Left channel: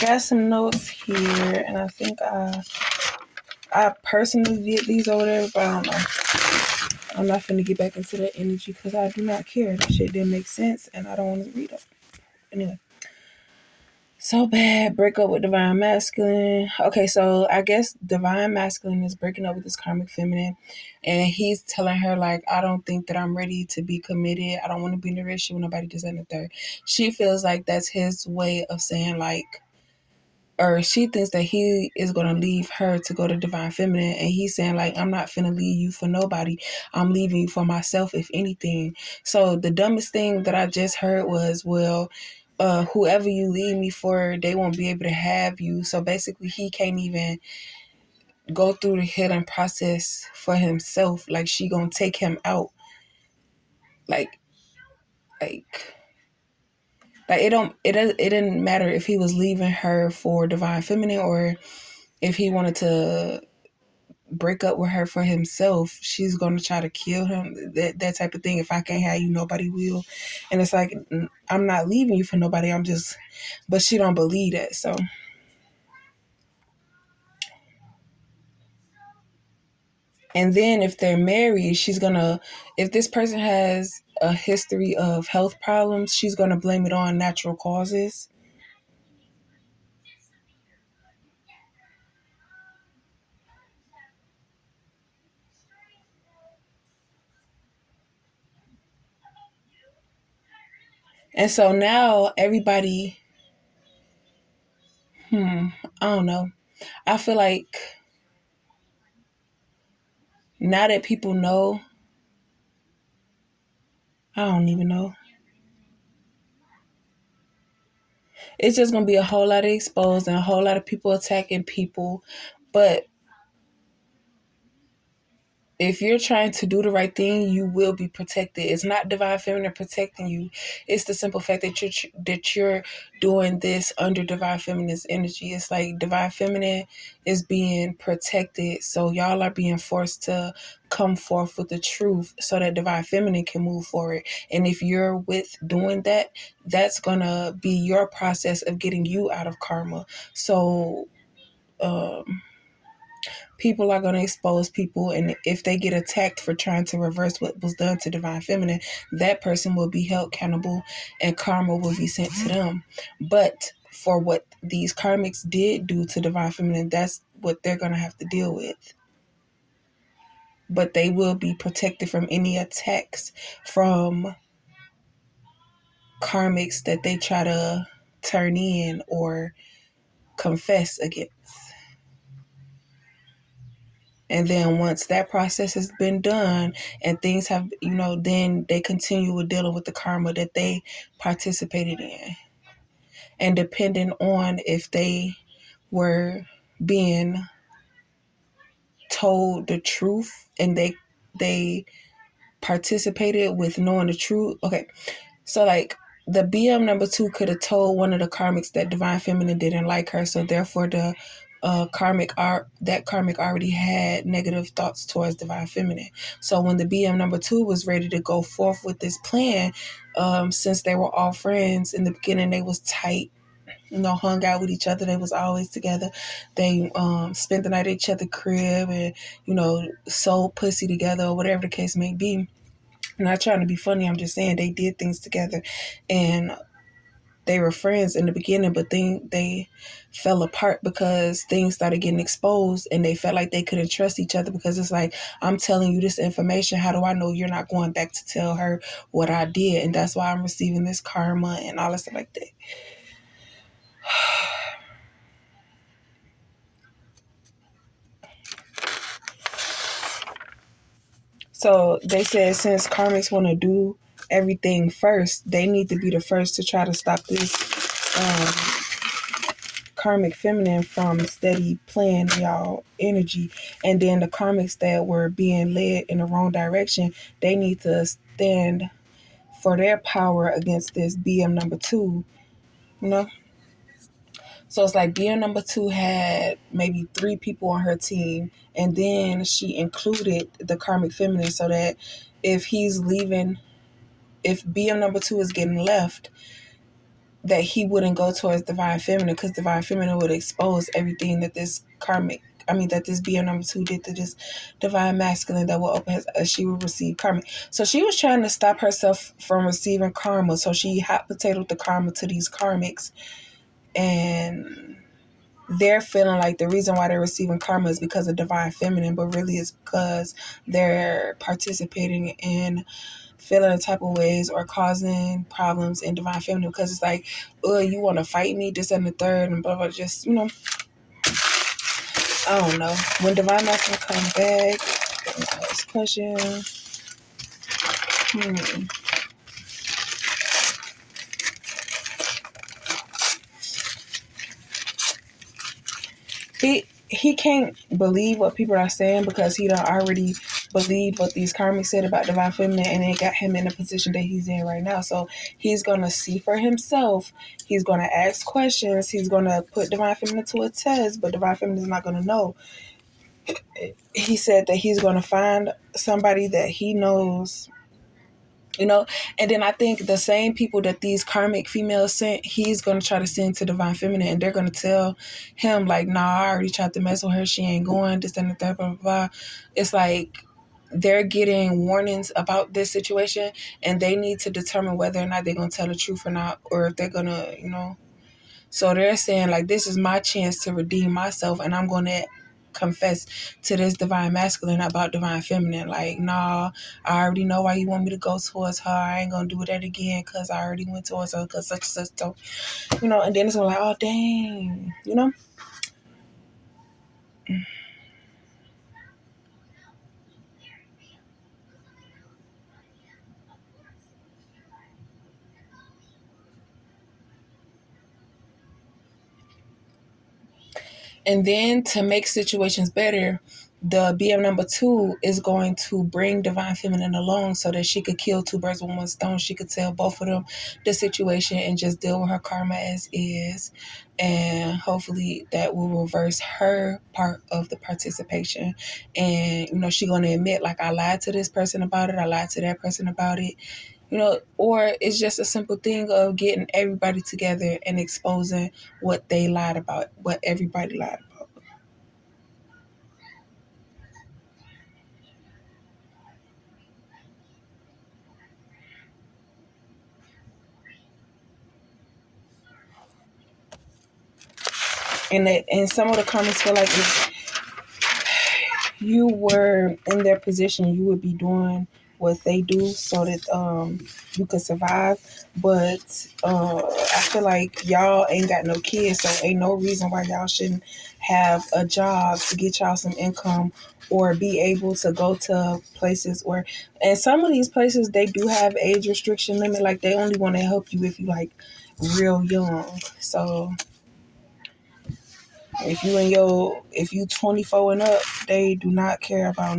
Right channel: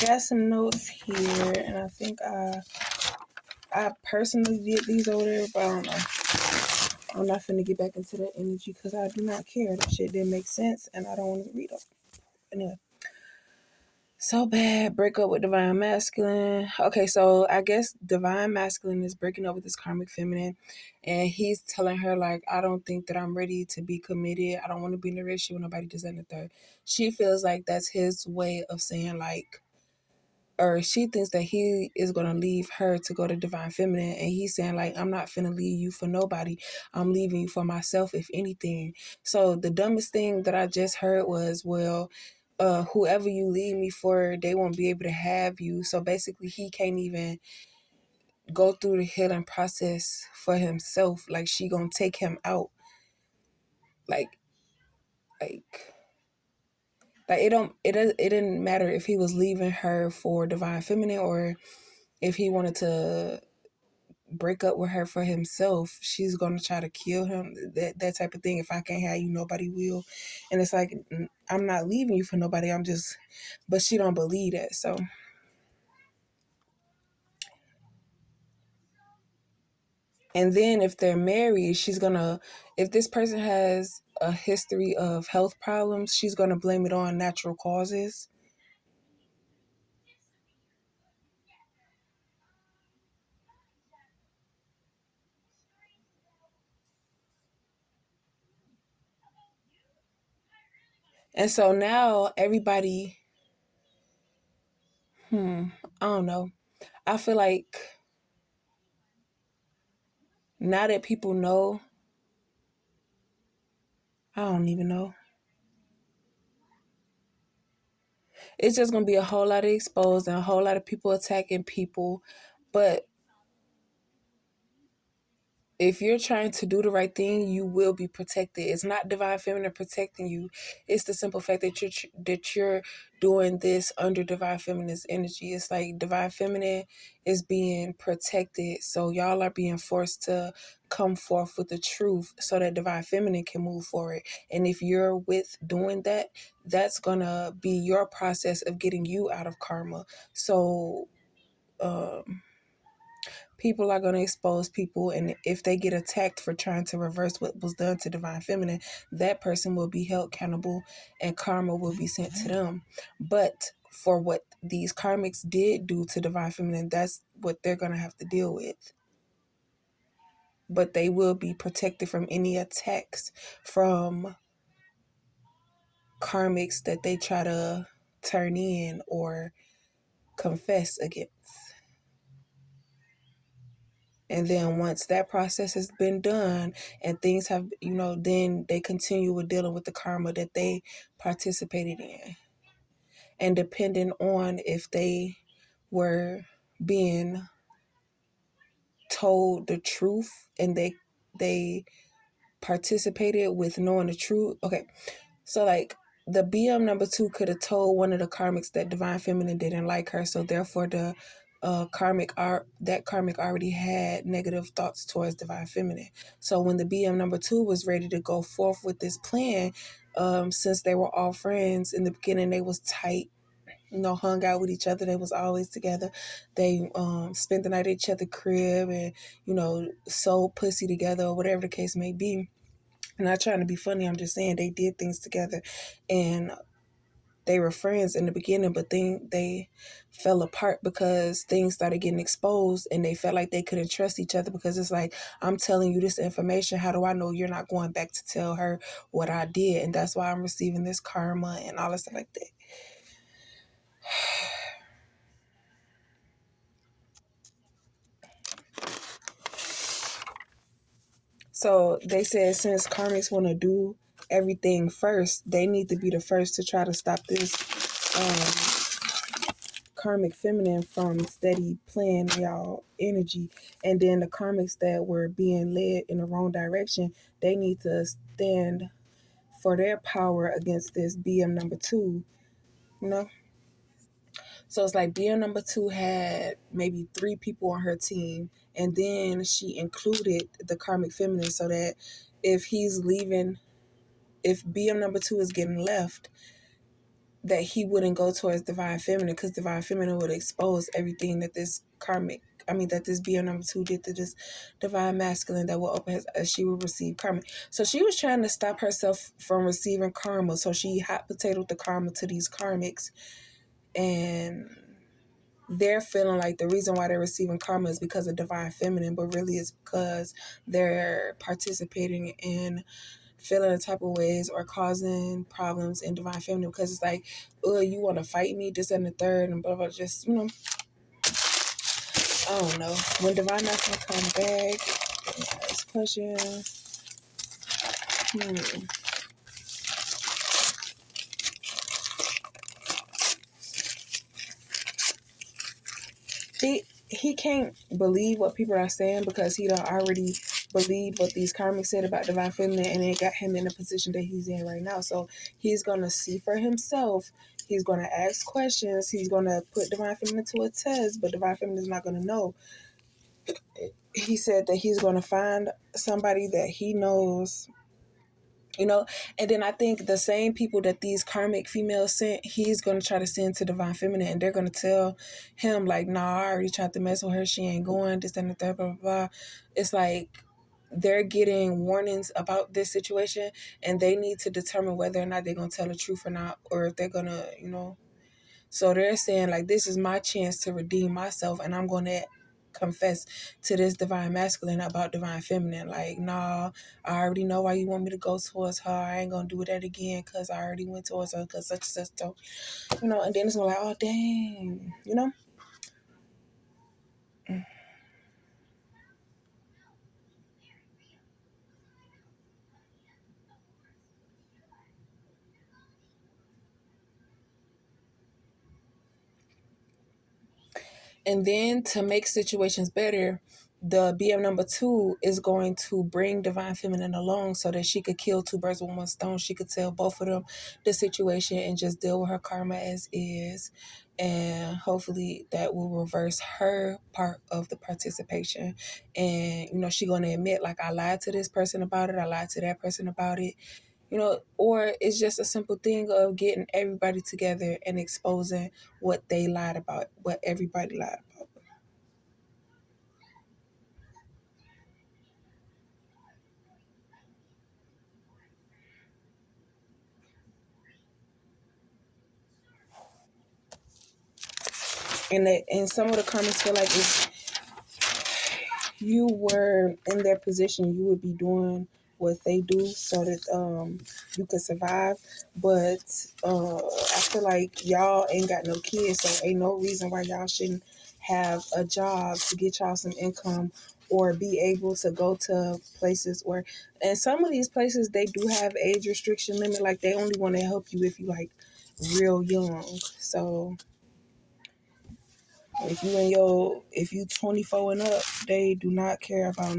got some notes here, and I think I personally did these or whatever, but I don't know. I'm not finna get back into that energy because I do not care. That shit didn't make sense, and I don't want to read it. Anyway. So bad, break up with divine masculine. Okay, so I guess divine masculine is breaking up with this karmic feminine, and he's telling her like, I don't think that I'm ready to be committed. I don't want to be in a relationship with nobody. This and the third. She feels like that's his way of saying like, or she thinks that he is gonna leave her to go to divine feminine, and he's saying like, I'm not finna leave you for nobody. I'm leaving you for myself, if anything. So the dumbest thing that I just heard was, well, whoever you leave me for, they won't be able to have you. So basically, he can't even go through the healing process for himself. Like she gonna take him out. Like, like, it didn't matter if he was leaving her for divine feminine or if he wanted to break up with her for himself. She's gonna try to kill him. That type of thing. If I can't have you, nobody will. And it's like, I'm not leaving you for nobody. I'm just, but she don't believe that. So. And then if they're married, if this person has a history of health problems, she's gonna blame it on natural causes. And so now everybody, I don't know. I feel like now that people know, I don't even know. It's just gonna be a whole lot of exposed and a whole lot of people attacking people. But if you're trying to do the right thing, you will be protected. It's not divine feminine protecting you. It's the simple fact that you're doing this under divine feminine's energy. It's like divine feminine is being protected, so y'all are being forced to come forth with the truth so that divine feminine can move forward. And if you're with doing that, that's gonna be your process of getting you out of karma. So people are going to expose people, and if they get attacked for trying to reverse what was done to divine feminine, that person will be held accountable and karma will be sent to them. But for what these karmics did do to divine feminine, that's what they're going to have to deal with. But they will be protected from any attacks from karmics that they try to turn in or confess against. And then once that process has been done and things have, then they continue with dealing with the karma that they participated in. And depending on if they were being told the truth and they participated with knowing the truth. Okay, so like the BM number 2 could have told one of the karmics that divine feminine didn't like her, so therefore the karmic already had negative thoughts towards divine feminine. So when the BM number 2 was ready to go forth with this plan, since they were all friends in the beginning, they was tight, hung out with each other. They was always together. They spent the night at each other's crib and, sold pussy together or whatever the case may be. I'm not trying to be funny. I'm just saying they did things together and they were friends in the beginning, but then they fell apart because things started getting exposed and they felt like they couldn't trust each other because it's like, I'm telling you this information. How do I know you're not going back to tell her what I did? And that's why I'm receiving this karma and all that stuff like that. So they said since karmics want to do everything first, they need to be the first to try to stop this karmic feminine from steady playing y'all energy. And then the karmics that were being led in the wrong direction, they need to stand for their power against this BM number 2, So it's like BM number 2 had maybe 3 people on her team, and then she included the karmic feminine so that if he's leaving, if BM number 2 is getting left, that he wouldn't go towards divine feminine, because divine feminine would expose everything that this karmic, that this BM number 2 did to this divine masculine that will open his, she would receive karmic. So she was trying to stop herself from receiving karma. So she hot potatoed the karma to these karmics, and they're feeling like the reason why they're receiving karma is because of divine feminine, but really it's because they're participating in feeling the type of ways or causing problems in divine feminine, because it's like, oh, you want to fight me, this and the third, and blah blah. Just, I don't know. When divine masculine comes back, next question. He can't believe what people are saying, because he don't already believe what these karmics said about divine feminine, and it got him in the position that he's in right now. So he's gonna see for himself. He's gonna ask questions. He's gonna put divine feminine to a test, but divine feminine is not gonna know. He said that he's gonna find somebody that he knows. And then I think the same people that these karmic females sent, he's going to try to send to divine feminine, and they're going to tell him, like, nah, I already tried to mess with her, she ain't going, this and the third, blah, blah, blah. It's like they're getting warnings about this situation, and they need to determine whether or not they're going to tell the truth or not, or if they're going to, So they're saying, like, this is my chance to redeem myself, and I'm going to confess to this divine masculine about divine feminine. Like, nah, I already know why you want me to go towards her. I ain't going to do that again because I already went towards her because such and such. So, and then it's like, oh, dang. And then to make situations better, the BM number 2 is going to bring divine feminine along so that she could kill two birds with one stone. She could tell both of them the situation and just deal with her karma as is. And hopefully that will reverse her part of the participation. And, she's going to admit, like, I lied to this person about it. I lied to that person about it. Or it's just a simple thing of getting everybody together and exposing what they lied about, what everybody lied about. And some of the comments feel like if you were in their position, you would be doing what they do so that you could survive. But I feel like y'all ain't got no kids, so ain't no reason why y'all shouldn't have a job to get y'all some income, or be able to go to places where, and some of these places, they do have age restriction limit. Like, they only want to help you if you, like, real young. So if you 24 and up, they do not care about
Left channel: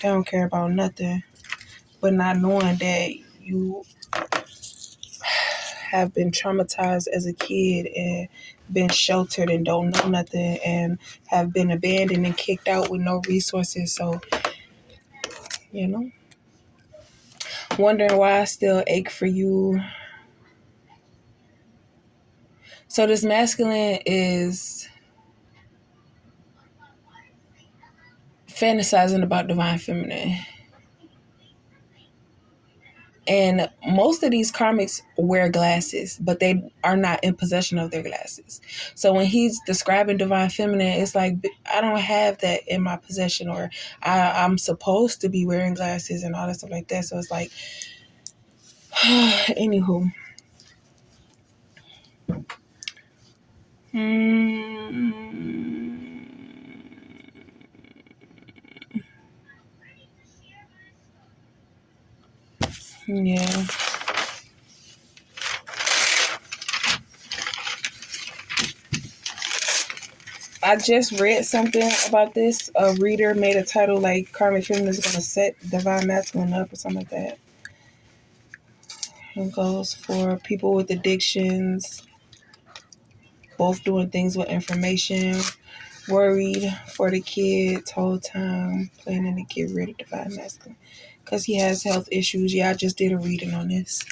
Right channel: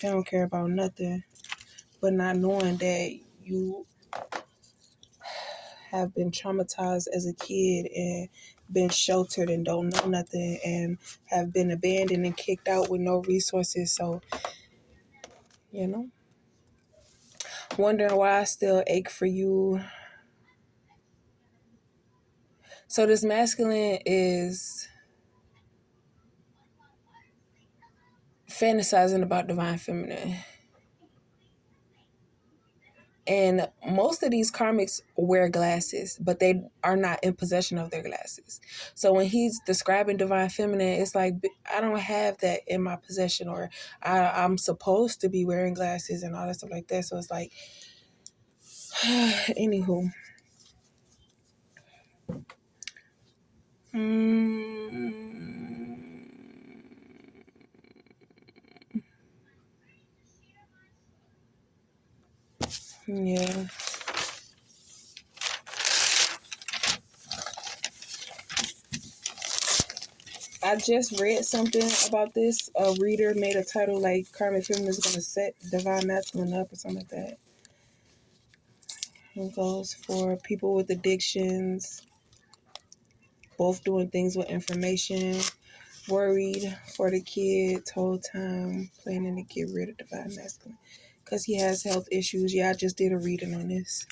they don't care about nothing. But not knowing that you have been traumatized as a kid and been sheltered and don't know nothing and have been abandoned and kicked out with no resources. So, you know, wondering why I still ache for you. So this masculine is fantasizing about divine feminine. And most of these karmics wear glasses, but they are not in possession of their glasses. So when he's describing divine feminine, it's like, I don't have that in my possession, or I'm supposed to be wearing glasses and all that stuff like that. So it's like, anywho. Yeah. I just read something about this. A reader made a title like Karmic Feminine is going to set divine masculine up or something like that. It goes for people with addictions, both doing things with information, worried for the kids whole time, planning to get rid of divine masculine because he has health issues. Yeah, I just did a reading on this.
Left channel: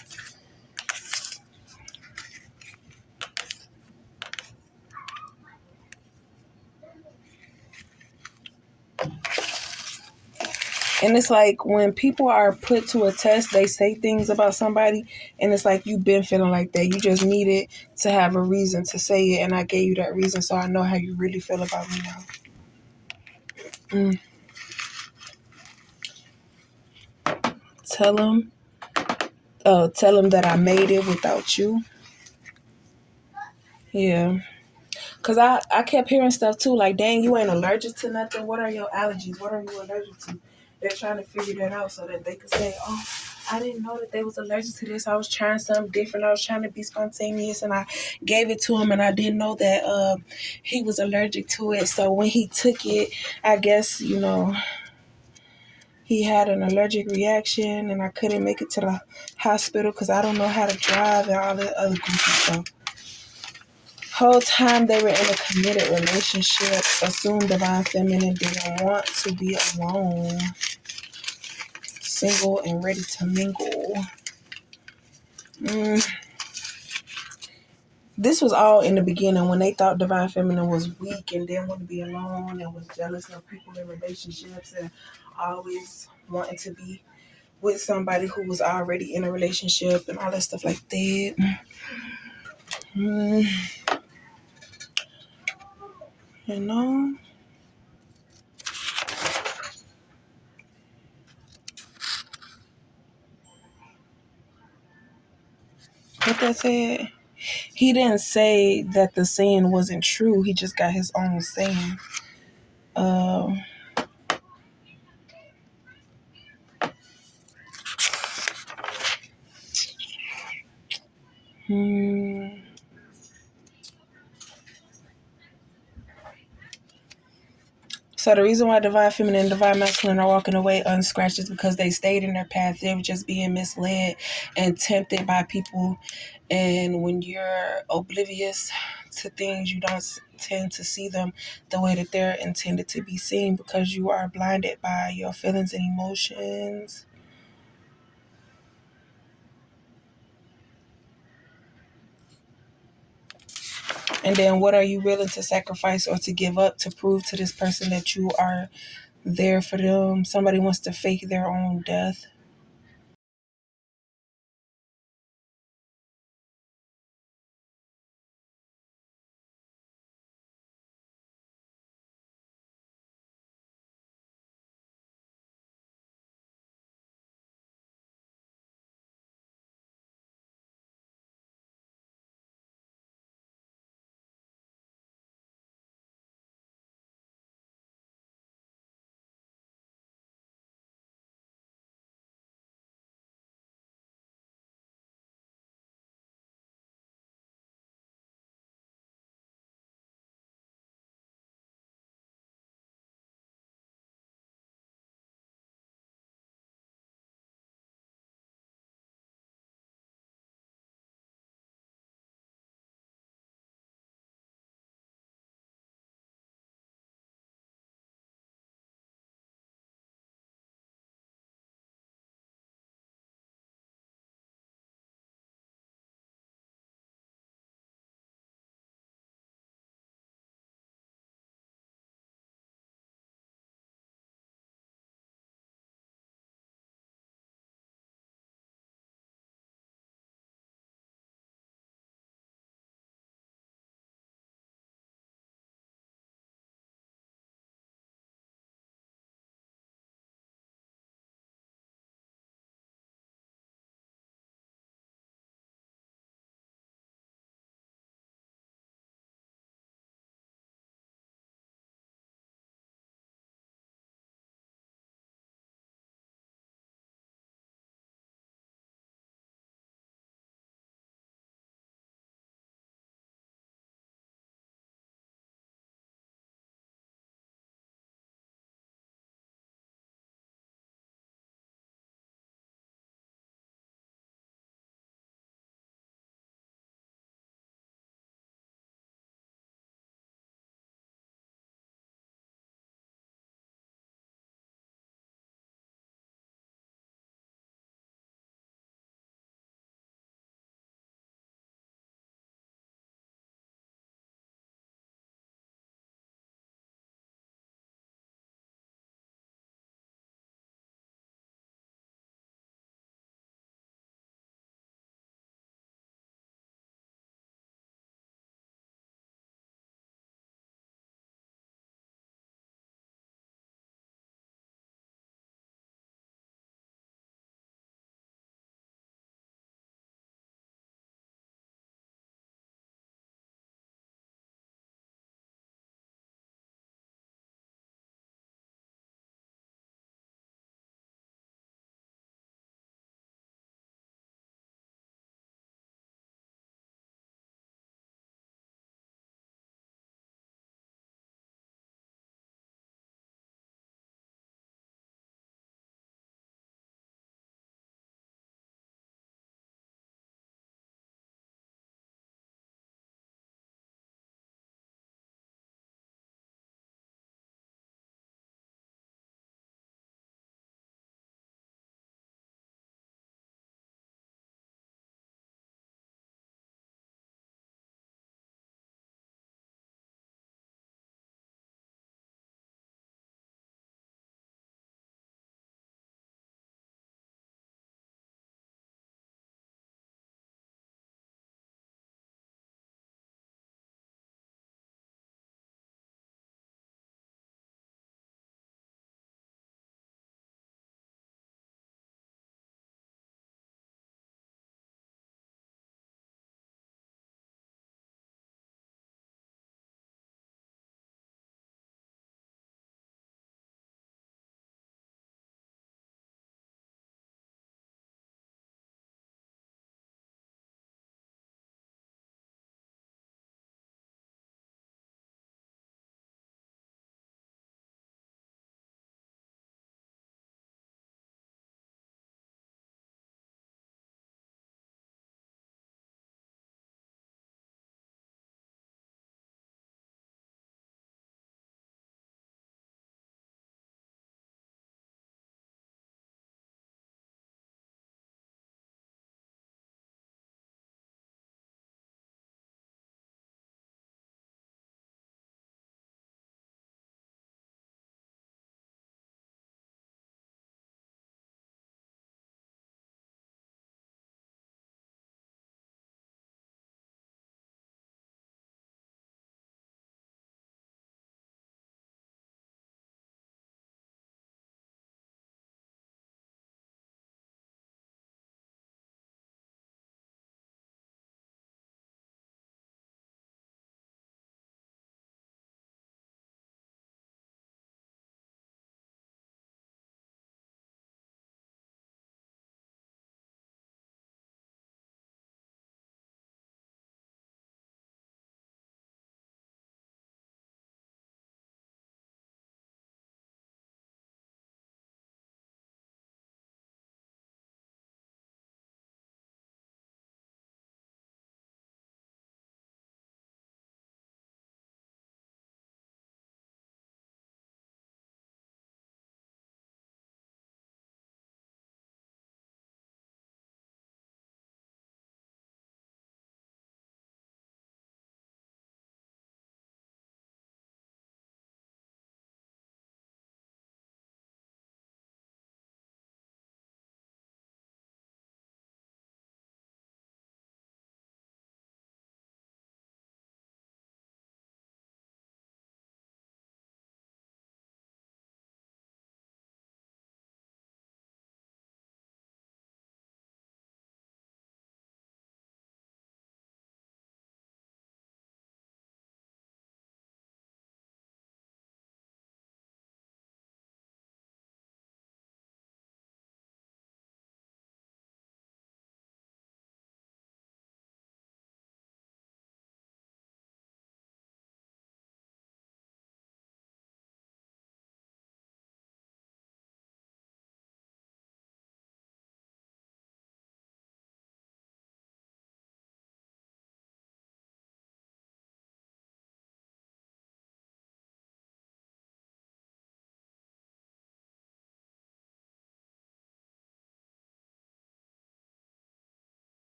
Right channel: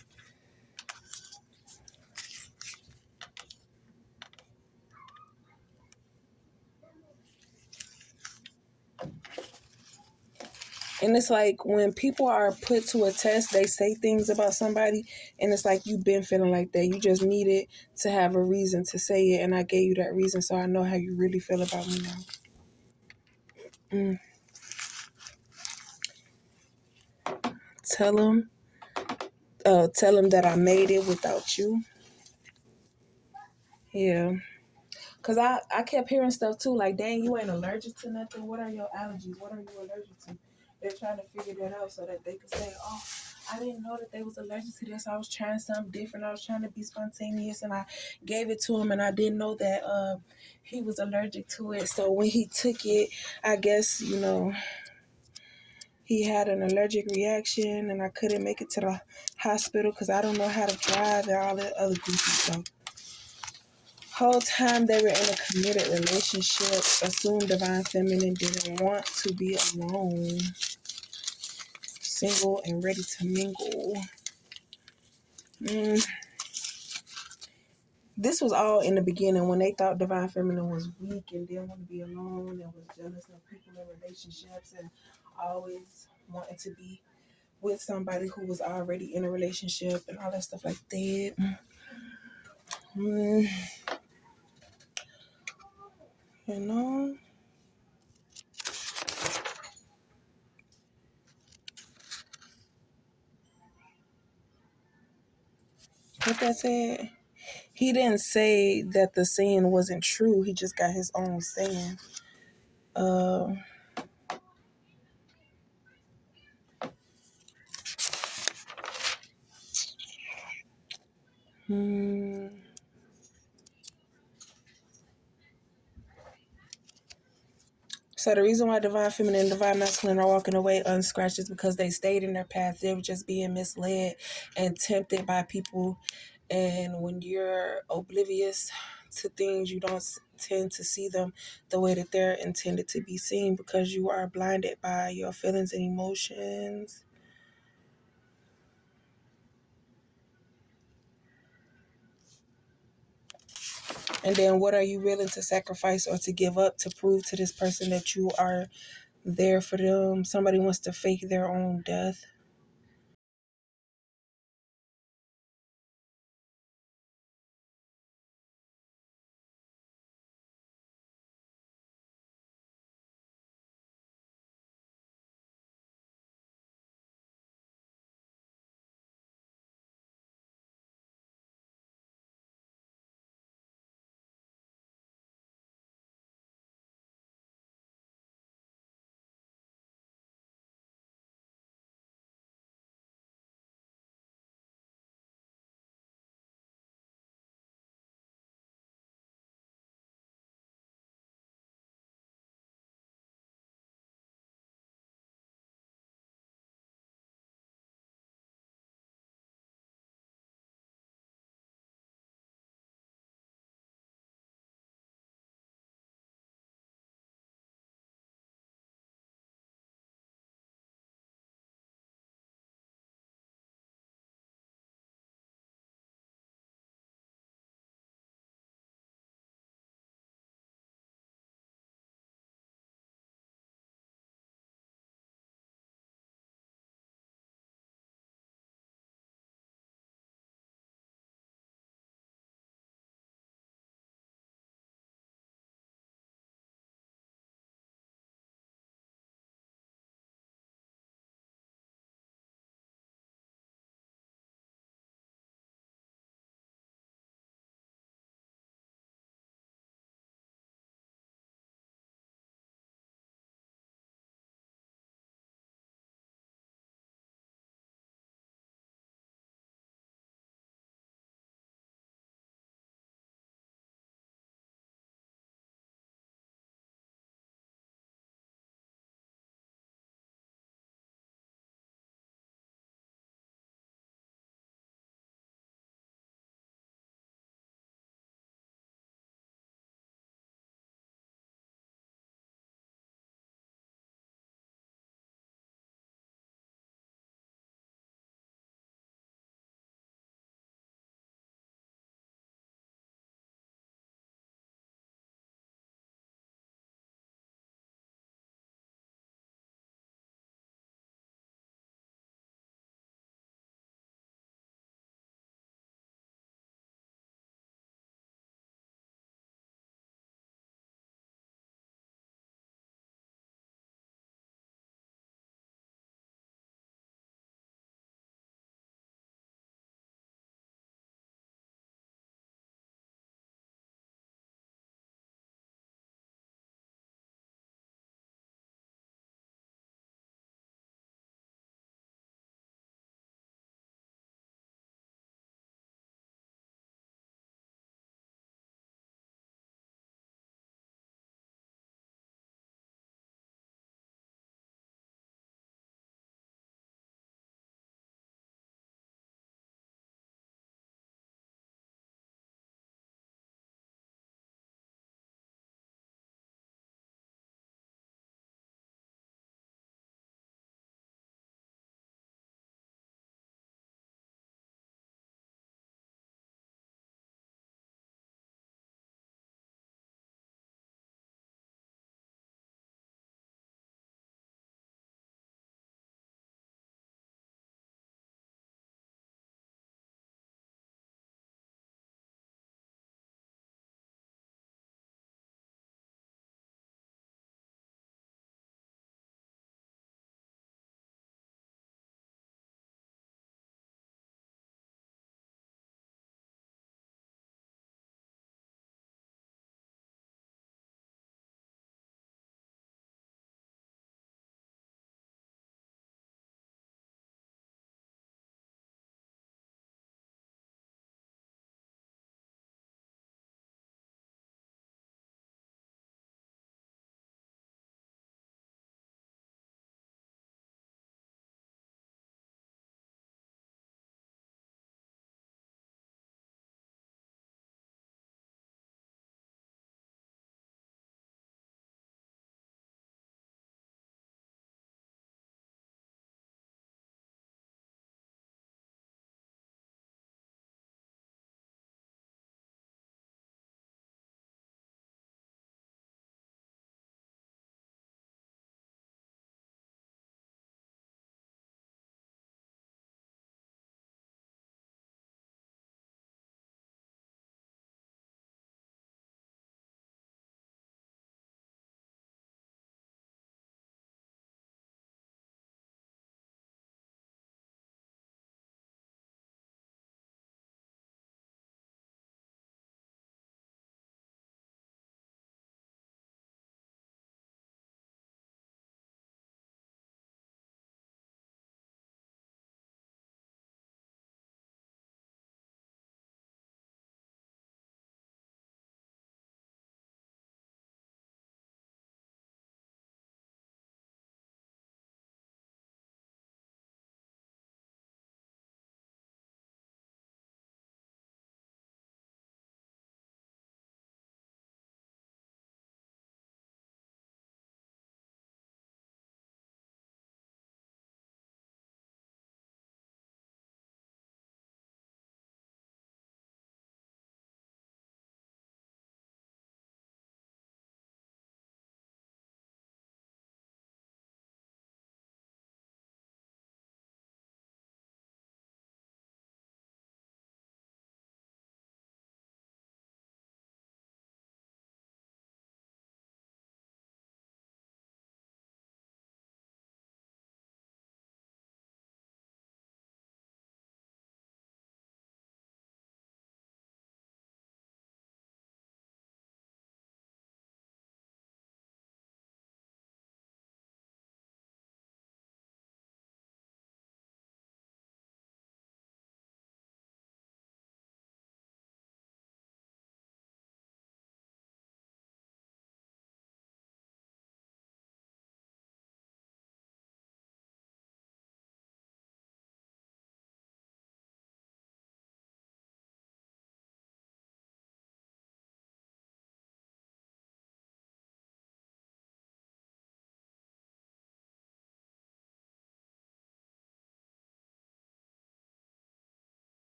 And it's like when people are put to a test, they say things about somebody, and it's like you've been feeling like that. You just needed to have a reason to say it, and I gave you that reason, so I know how you really feel about me now. Tell him, tell him that I made it without you. Yeah. Cause I kept hearing stuff too, like, dang, you ain't allergic to nothing. What are your allergies? What are you allergic to? They're trying to figure that out so that they could say, oh, I didn't know that they was allergic to this. I was trying something different. I was trying to be spontaneous, and I gave it to him, and I didn't know that he was allergic to it. So when he took it, I guess, he had an allergic reaction, and I couldn't make it to the hospital because I don't know how to drive and all that other goofy stuff. Whole time they were in a committed relationship, assumed divine feminine didn't want to be alone, single and ready to mingle. This was all in the beginning when they thought divine feminine was weak and didn't want to be alone and was jealous of people in relationships and always wanting to be with somebody who was already in a relationship and all that stuff like that. You know? What that said? He didn't say that the saying wasn't true. He just got his own saying. So the reason why divine feminine and divine masculine are walking away unscratched is because they stayed in their path. They were just being misled and tempted by people. And when you're oblivious to things, you don't tend to see them the way that they're intended to be seen because you are blinded by your feelings and emotions. And then what are you willing to sacrifice or to give up to prove to this person that you are there for them? Somebody wants to fake their own death.